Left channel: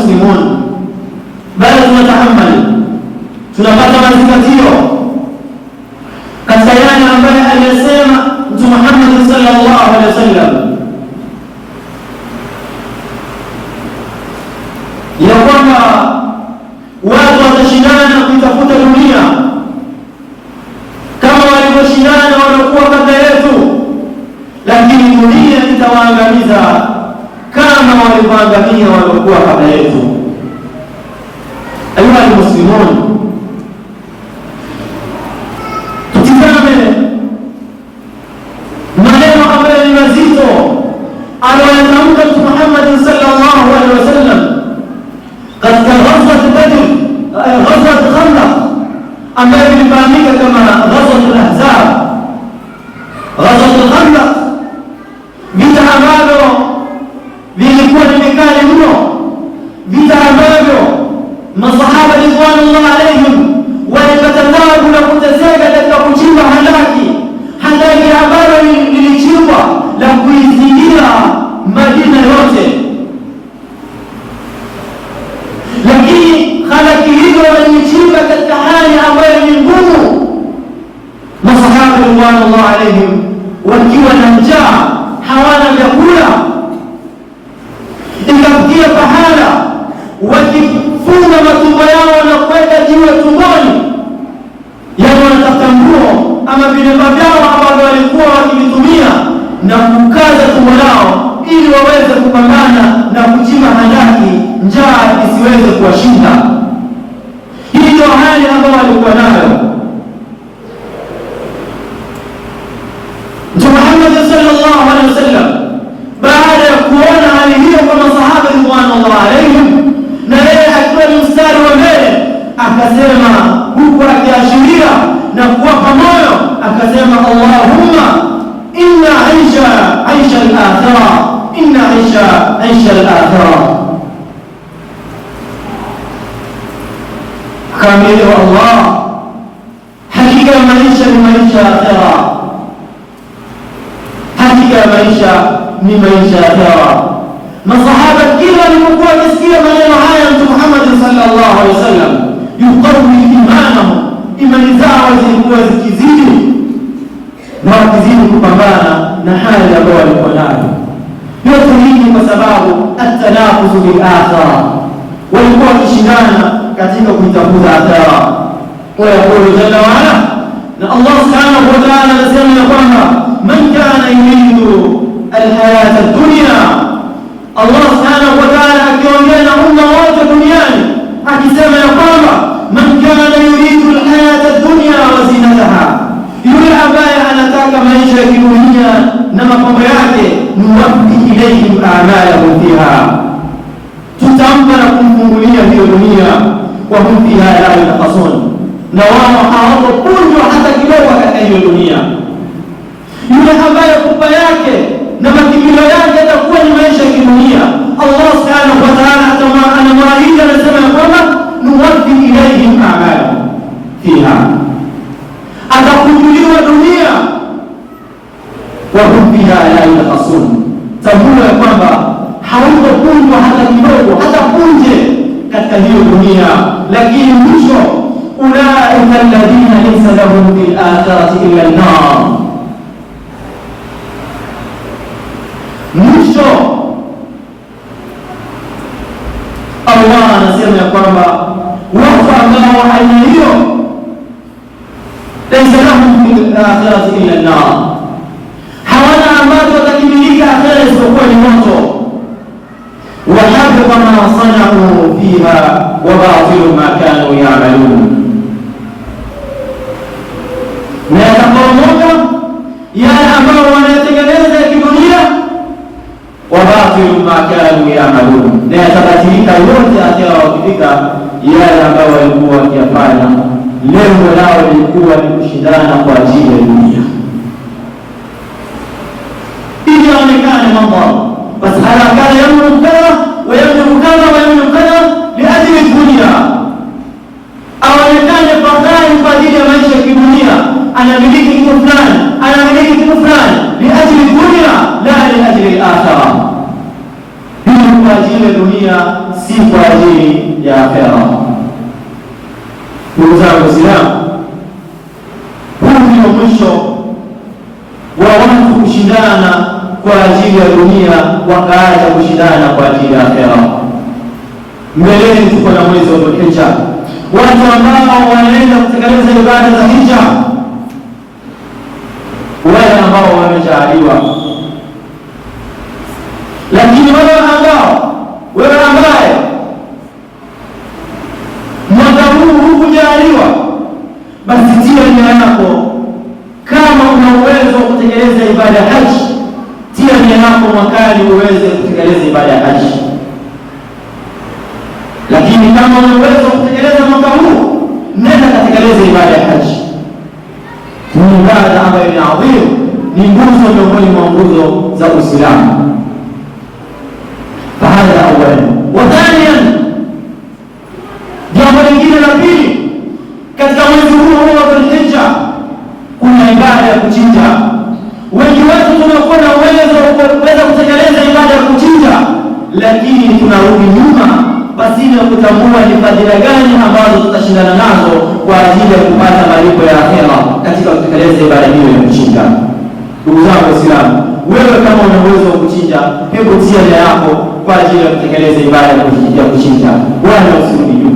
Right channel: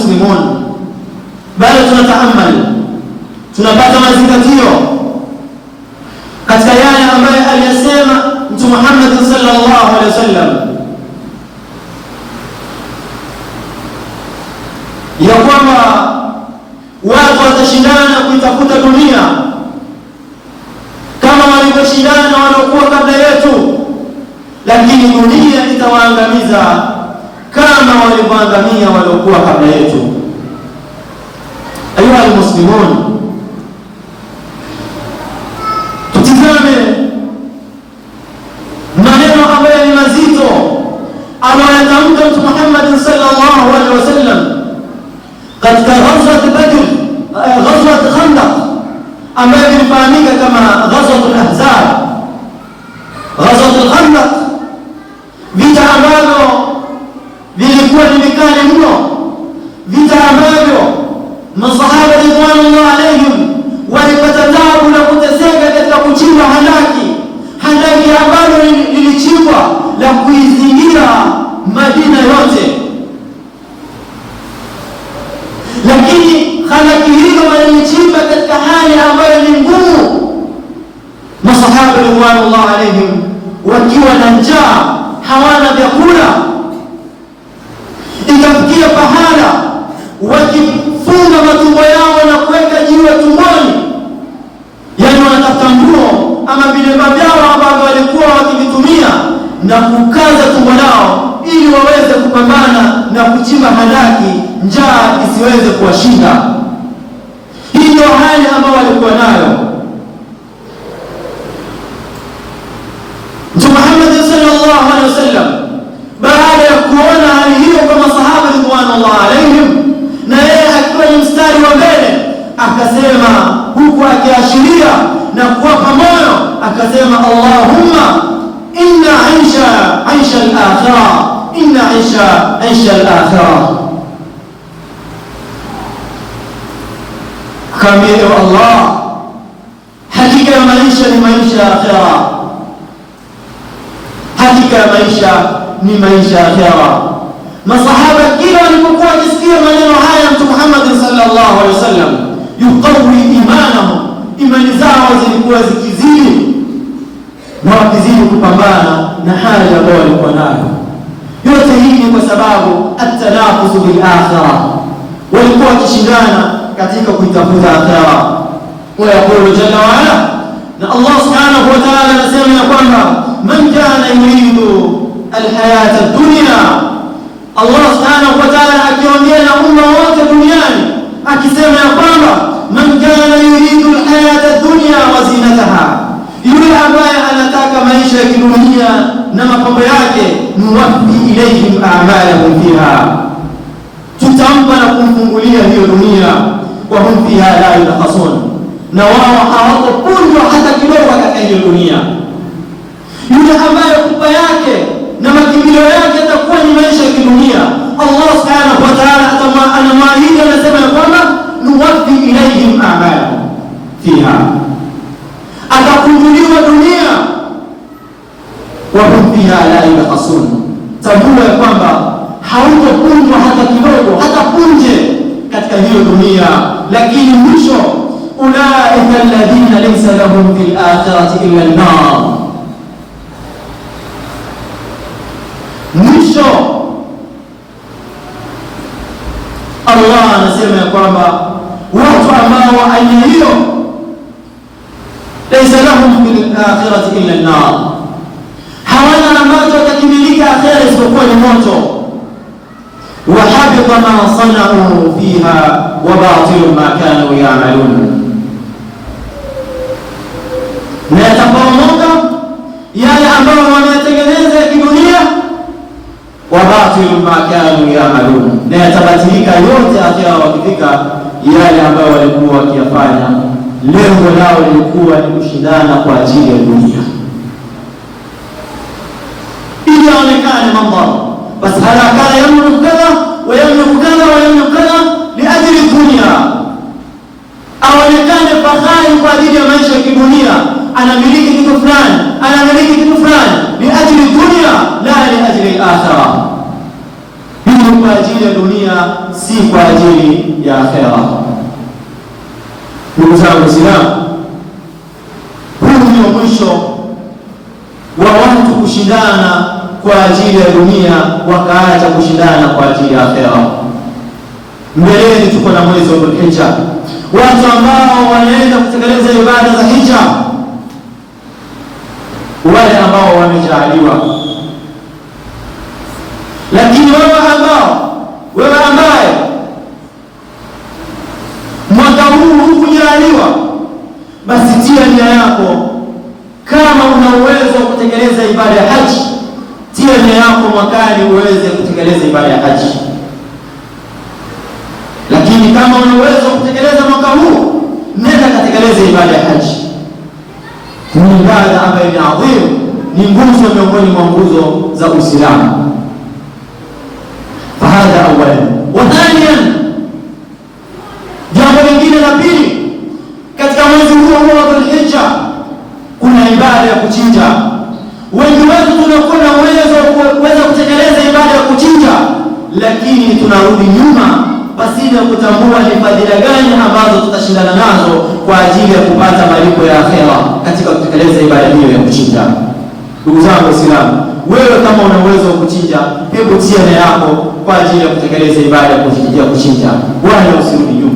almuslimun, bali tunatahammali, tunapata mazingatio katika yale ambayo aliyasema Mtume Muhammad sallallahu alaihi wasallam ya kwamba watu watashindana kuitafuta dunia kama walivyoshindana waliokuwa kabla yetu, lakini dunia itawaangamiza kama walivyoangamia waliokuwa kabla yetu. Ayuha almuslimun, tutizame maneno ambayo ni mazito anayoyatamka Mtume Muhammad sallallahu alaihi wasallam katika ghazwat Badr, ghazwat Khandaq ambayo ilifahamika kama ghazwat al-Ahzab. Ghazwat al-Khandaq, vita ambavyo vilikuwa ni vikali mno, vita ambavyo masahaba ridwanullah alaihim walipata taabu na kuteseka katika kuchimba handaki ambalo lilichimbwa la kuizingira Madina yote, lakini handaki hilo walichimba katika hali ambayo ni ngumu, masahaba ridwanullah alaihim wakiwa na njaa, hawana vyakula. Ikafikia pahala wakifunga matumbo yao na kuweka jiwe tumboni, yaani wanatafuta nguo ama vilemba vyao ambavyo walikuwa wakivitumia na kukaza tumbo lao ili waweze kupambana na kuchimba handaki, njaa isiweze kuwashinda. Hii ndio hali ambayo walikuwa nayo. Mtume Muhammad sallallahu alaihi wasallam baada ya kuona hali hiyo kwa masahaba ridwanullah alaihim, na yeye akiwa ni mstari wa mbele, akasema huku akiashiria na kuwapa moyo, akasema Allahumma inna aisha al-akhirah, inna aisha al-akhirah. Kamili Allah, hakika maisha ni maisha ya akhirah, hakika maisha ni maisha ya akhirah. Masahaba kila walipokuwa wakisikia maneno haya Mtume Muhammad sallallahu alaihi wasallam, yuqawi imanahum, imani zao zilikuwa zikizidi na wakizidi kupambana na hali ambayo walikuwa nayo. Yote hii ni kwa sababu at-tanafusu bil akhirah, walikuwa wakishindana katika kutafuta akhirah. Wa yaqulu jalla wa ala, na Allah subhanahu wa ta'ala anasema ya kwamba man kana yuridu al-hayata ad-dunya, Allah subhanahu wa ta'ala akiongea na umma wote duniani akisema ya kwamba man kana yuridu al-hayata ad-dunya wa zinataha, yule ambaye anataka maisha ya kidunia na mapambo yake, nuwaffi ilayhim a'malahum fiha, tutampa na kumfungulia hiyo dunia, wa hum fiha la yunqasun, na wao hawatapunjwa hata kidogo katika hiyo dunia. Yule ambaye kupa yake na makimbilio yake atakuwa ni maisha ya kidunia, Allah subhanahu wa ta'ala anamwahidi, anasema ya kwamba nuwaffi ilayhim a'malahum fiha, atakunjuliwa dunia, wa hum fiha la yunqasun, tambua ya kwamba hautapunjwa hata kidogo, hata punje katika hiyo dunia. Lakini mwisho, ulaika alladhina laysa lahum fil akhirati illa an-nar, mwisho Allah anasema ya kwamba watu ambao aina hiyo, laysa lahum fil akhirati illa an-nar, hawana ambacho watakimilika akhira isipokuwa ni moto. Wa habita ma sana'u fiha wa batilu ma kanu ya'malun, na yataporomoka yale ambayo wameyatengeneza ya kidunia, wa batilu ma kanu ya'malun, na yatabatilika yote akhira wakifika yale ambayo walikuwa wakiyafanya. Lengo lao lilikuwa ni kushindana kwa ajili ya dunia, ili aonekane mambo bas harakana yamliku kadha wa yamliku kadha wa yamliku kadha liajli dunia, aonekane fahari kwa ajili ya maisha ya kidunia, anamiliki kitu fulani, anamiliki kitu fulani liajli dunia la liajli al-akhirah, ili kwa ajili ajili ya dunia, si kwa ajili ya akhera. Ndugu zangu Waislamu, huu ndio mwisho wa watu kushindana kwa ajili ya dunia, wakaacha kushindana kwa ajili ya akhera. Mbeleni tuko na mwezi wa Dhulhijja, watu ambao wanaenda kutekeleza ibada za hija, wale ambao wamejaaliwa. Lakini wewe ambaye mwaka huu hukujaaliwa, basi tia nia yako, kama una uwezo wa kutekeleza ibada ya haji, tia nia yako mwakani uweze kutekeleza ibada ya haji. Lakini kama una uwezo wa kutekeleza mwaka huu, nenda katekeleza ibada ya haji. Ni ibada ambayo ni adhimu, ni nguzo miongoni mwa nguzo za Uislamu. Fahadha awalan. Wa thaniyan, jambo lingine la pili, katika mwezi huu wa Dhulhijja kuna ibada ya kuchinja. Wengi wetu tunakuwa na uwezo wa kuweza kutekeleza ibada ya kuchinja, lakini tunarudi nyuma pasina kutambua ni fadhila gani ambazo tutashindana nazo kwa ajili ya kupata malipo ya akhera katika kutekeleza ibada hiyo ya kuchinja. Ndugu zangu Waislamu, wewe kama una uwezo wa kuchinja, hebu tia nia yako kwa ajili ya kutekeleza ibada ya kuchinja, wala usirudi nyuma.